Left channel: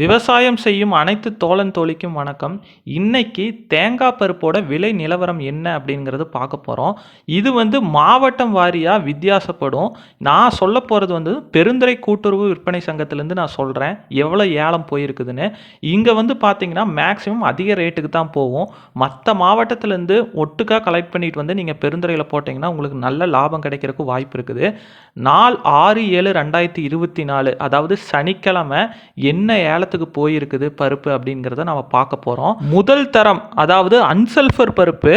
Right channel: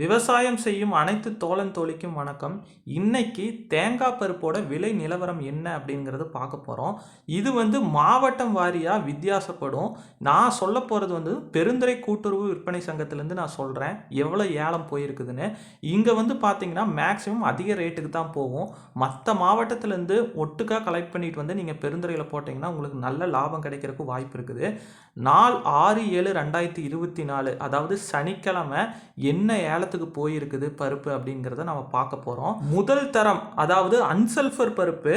விவசாயம் செய்யும் அனைத்து தோழன் தோழிக்கும் வணக்கம். இன்னைக்கு தேங்காய் பருப்போட விலை நிலவரம் என்ன அப்படிங்கிறது பார்க்க போகிறோம் இது வந்து மாவட்டம் வாரியாக வித்தியாசப்படும். நான் சொல்ல போகிறது வந்து பெருந்துறை கூட்டுறவு விற்பனை சங்கத்திலேருந்து நான் சொல்கிறேன் எவ்வளோ ஏலம் போயிருக்குதுன்னு. இங்கே வந்து பார்த்தீங்கன்னா மேக்ஸிமம் அதிக ரேட்டுக்கு தான் போகும். மற்ற மாவட்டத்திலேருந்து ஒட்டுக்காக கலெக்ட் பண்ணிட்டு வந்து நீங்கள் பெருந்துறையில் போட்டிங்கன்னா உங்களுக்கு நல்ல லாபம் கிடைக்கிறதுக்கு வாய்ப்பு இருக்குது. நாள் ஆறு ஏழு ரெண்டாயிரத்தி இருபத்தி நாலு அதாவது சனிக்கிழமை என்ன இடத்துக்கு போயிருக்குது பருப்பு அப்படிங்கிறத நம்ம பார்க்க போகிறோம் முதல் தரம் அதாவது அன்சல்ஃபர் பருப்பு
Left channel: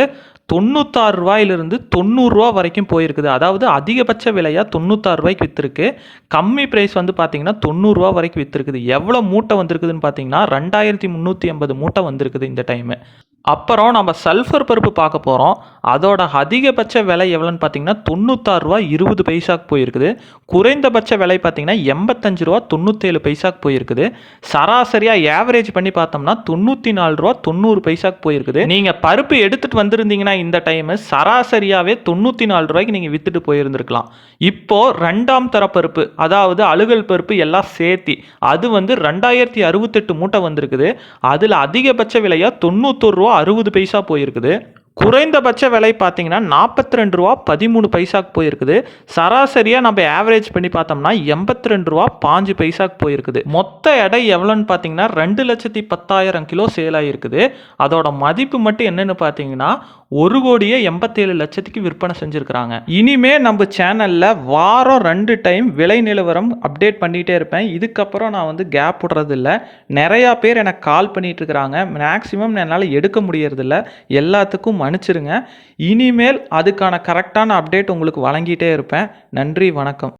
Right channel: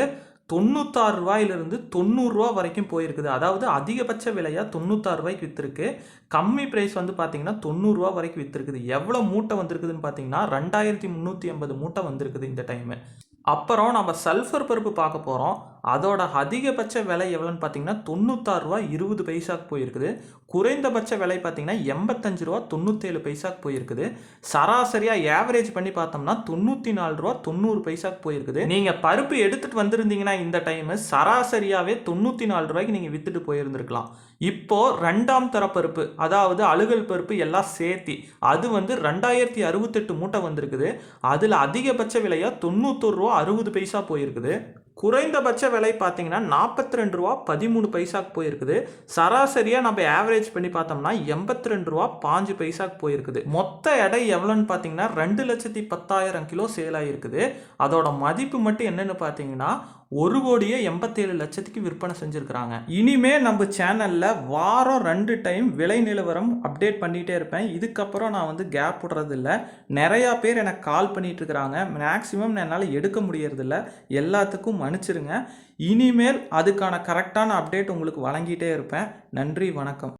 தொண்ணூத்தாறு ரூபாயிலிருந்து தொண்ணூறுரூவா வரைக்கும் போயிருக்குது. அதாவது அதிகபட்ச விலையாக தொண்ணூத்தாறு ரூபாய்க்கு விற்றுருக்கு கம்மி ப்ரைஸ் வந்து பார்த்தீங்கன்னா தொண்ணூறுரூவா வரைக்கும் விற்றுருக்குது எவ்வளோ மூட்டை வந்திருக்குதுன்னு பார்த்தீங்கன்னா ரெண்டாயிரத்தி முந்நூற்றி ஐம்பது மூட்டை வந்திருக்குது இந்த டைமு அப்புறம் நம்ம சல்ஃபர் பருப்பு பார்க்க போகிறோம் அதோட அதிகபட்ச விலை எவ்வளோன்னு பார்த்தீங்கன்னா தொண்ணூத்தாறு ரூபா இருபது பைசாக்கு போயிருக்குது. குறைந்தபட்ச விலை பார்த்தீங்கன்னா எண்பத்தஞ்சு ரூபா தொண்ணூற்றேழு பைசாக்கு போயிருக்குது. சராசரியாக ஏவரேஜ் பண்ணி பார்த்தோம்னா தொண்ணூற்றி நாலு ரூபா தொண்ணூறு பைசாக்கு போயிருக்குது. நீங்கள் பருப்பு எடுத்துகிட்டு வந்திருந்தீங்கன்னா இந்த டைமு சராசரியாகவே தொண்ணூற்றி நாலு ரூபாய்க்கு நீங்கள் விற்றுட்டு போயிருந்துருக்கலாம். இப்போது ரெண்டாம் தர பருப்பு அதாவது அழுகல் பருப்பு எல்லாம் சேர்த்தி அது வந்து ரெண்டாயிரத்தி அறுபத்தெட்டு மூட்டை வந்திருக்குது. அதில் அதிகபட்ச விலையாக தொண்ணூத்தொரு ரூபா அறுபது பைசா போயிருக்குது. குறைந்தபட்ச விலை பார்த்தீங்கன்னா நாற்பத்தி ரெண்டு ரூபா பதிமூணு பைசாக்கு போயிருக்குது. சராசரியாக நம்ம ஆவரேஜ் பண்ணி பார்த்தோம்னா எண்பத்தி ரெண்டு ரூபா பாஞ்சு பைசாக்கு போயிருக்குது. மொத்த எடை எவ்வளோன்னு பார்த்தீங்கன்னா ரெண்டு லட்சத்தி பத்தாயிரம் கிலோ சேல் ஆகிருக்குது அதோட மதிப்பு மட்டும் என்னென்னு பார்த்தீங்கன்னா ஒரு கோடியே எண்பத்தேழு லட்சத்துக்கு விற்பனை செஞ்சுருக்கிறாங்க. இனிமே நம்ம சேனலில் வாரம் ரெண்டு டைம் விலை நிலவரம் அப்டேட் பண்ணிகிட்டே இருப்பேன். இதுக்கப்புறம் நான் வந்து கேப் விடுறதில்ல. நிறையா பேர் எனக்கு கால் பண்ணிட்டு இருக்கிறாங்க. மேக்ஸிமம் என்னால் எடுக்க முடியறதில்ல. எல்லாத்துக்கும் மன்னிச்சிருங்க. இனிமேல் அதுக்கான கரெக்டான அப்டேட் உங்களுக்கு வழங்கிட்டே இருப்பேன். நன்றி வணக்கம்.